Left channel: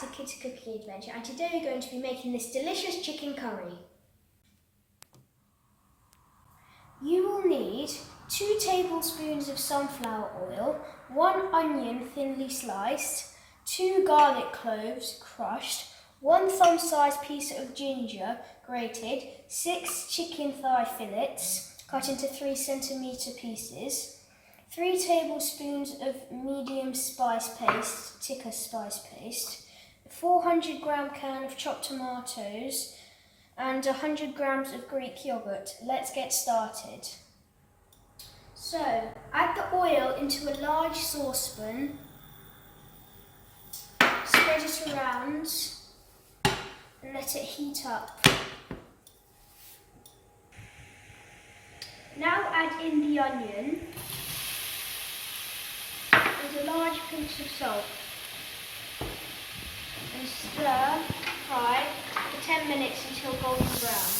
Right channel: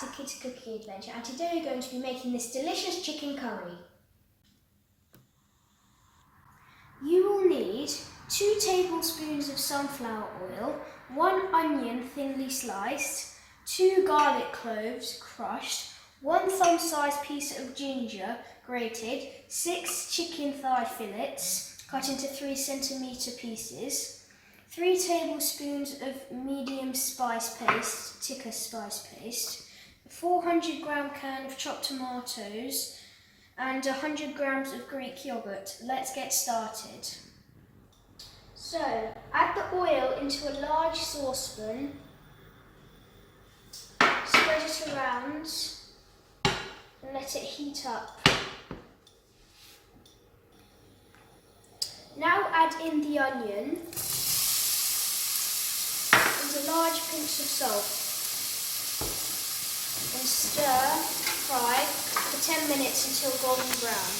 to Kids Cooking Adventure, and today we're going to be making this delicious chicken curry. You will need 2 tablespoons of sunflower oil, 1 onion thinly sliced, 2 garlic cloves crushed, 1 thumb-sized piece of ginger grated, 6 chicken thigh fillets cut into 3 centimetre pieces, 3 tablespoons of medium spice paste, tikka spice paste, a 400 gram can of chopped tomatoes, and 100 grams of Greek yogurt. Let's get started. So, add the oil into a large saucepan, spread it around, and let it heat up. Now add in the onion and a large pinch of salt and stir fry for 10 minutes until golden brown.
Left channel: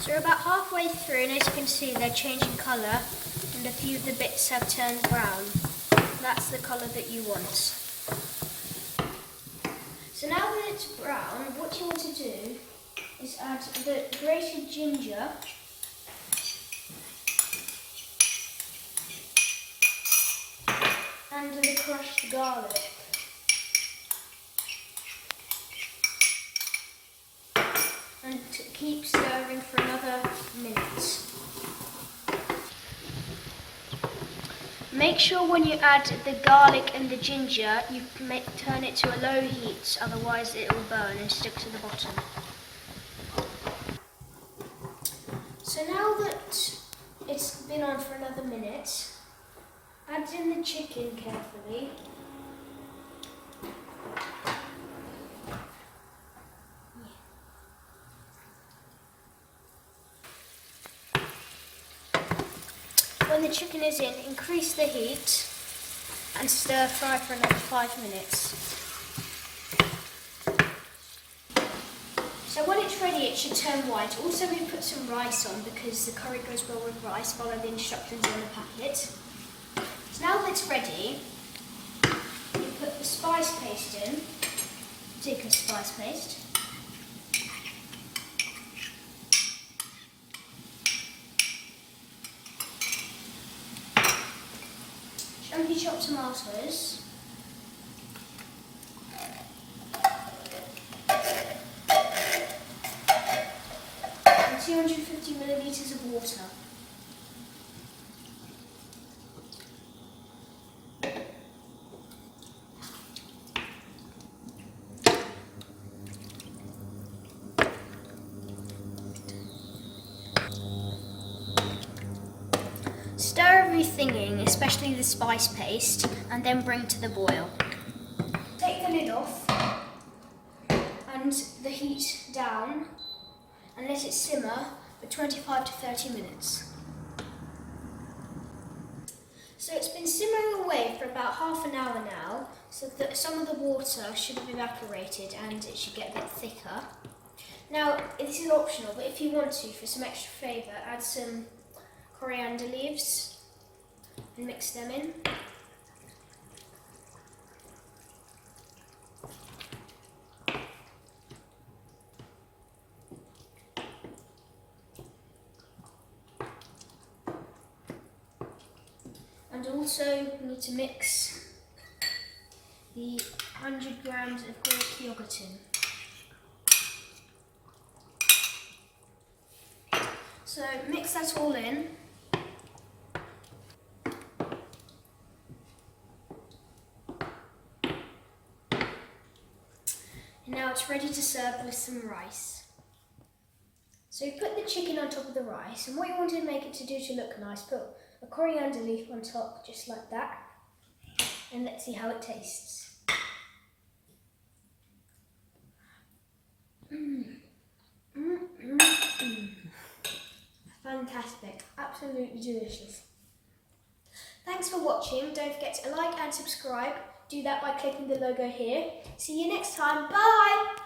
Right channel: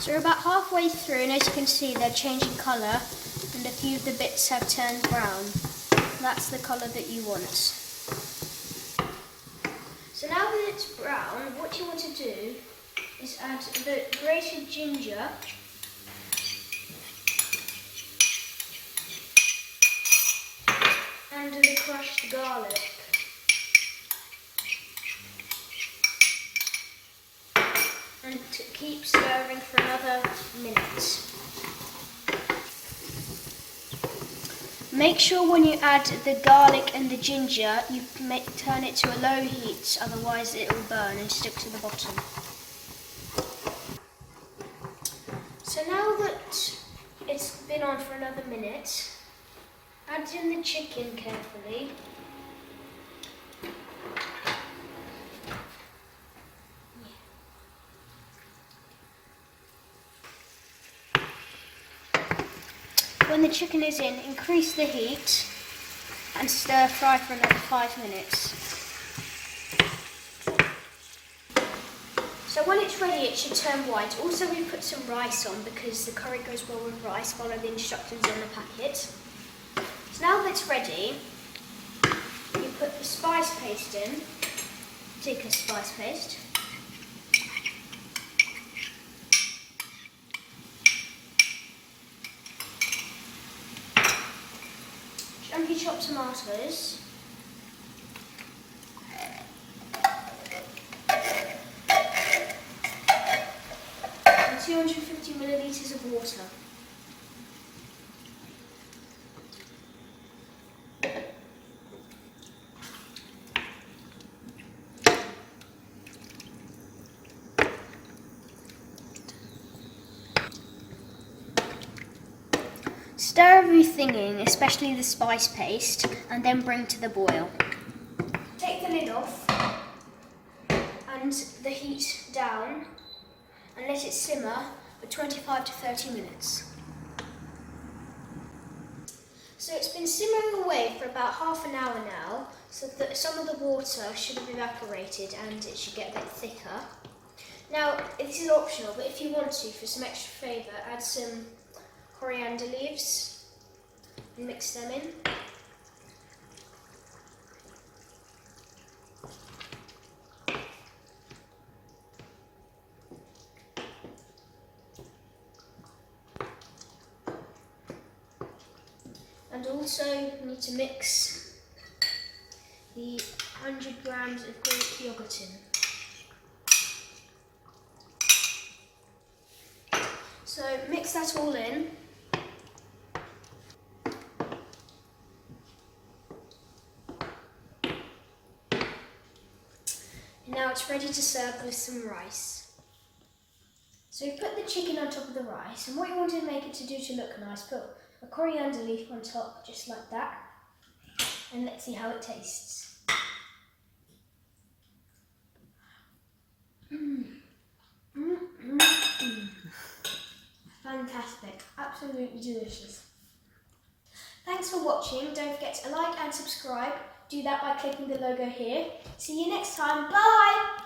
So we're about halfway through, and as you can see they're changing colour and a few of the bits have turned brown. That's the colour that you want. So now that it's brown, what you want to do is add the grated ginger and the crushed garlic. And keep stirring for another minute. Make sure when you add the garlic and the ginger, you turn it to a low heat, otherwise it will burn and stick to the bottom. So now that it's been on for another minute, add in the chicken carefully. When the chicken is in, increase the heat and stir fry for another 5 minutes. So when it's ready, it should turn white. Also, we put some rice on because the curry goes well with rice. Follow the instructions on the packet. So now that it's ready, you put the spice paste in, tikka spice paste. Chunky chopped tomatoes, and 250 millilitres of water. Stir everything in, especially the spice paste, and then bring to the boil. Take the lid off and the heat down and let it simmer for 25 to 30 minutes. So it's been simmering away for about half an hour now, so that some of the water should have evaporated and it should get a bit thicker. Now, this is optional, but if you want to, for some extra flavour, add some coriander leaves and mix them in. And also you need to mix the 100 grams of Greek yogurt in. So mix that all in. And now it's ready to serve with some rice. So you put the chicken on top of the rice, and what you want to make it to do to look nice, put a coriander leaf on top, just like that. And let's see how it tastes. Fantastic, absolutely delicious. Thanks for watching. Don't forget to like and subscribe. Do that by clicking the logo here. See you next time. Bye!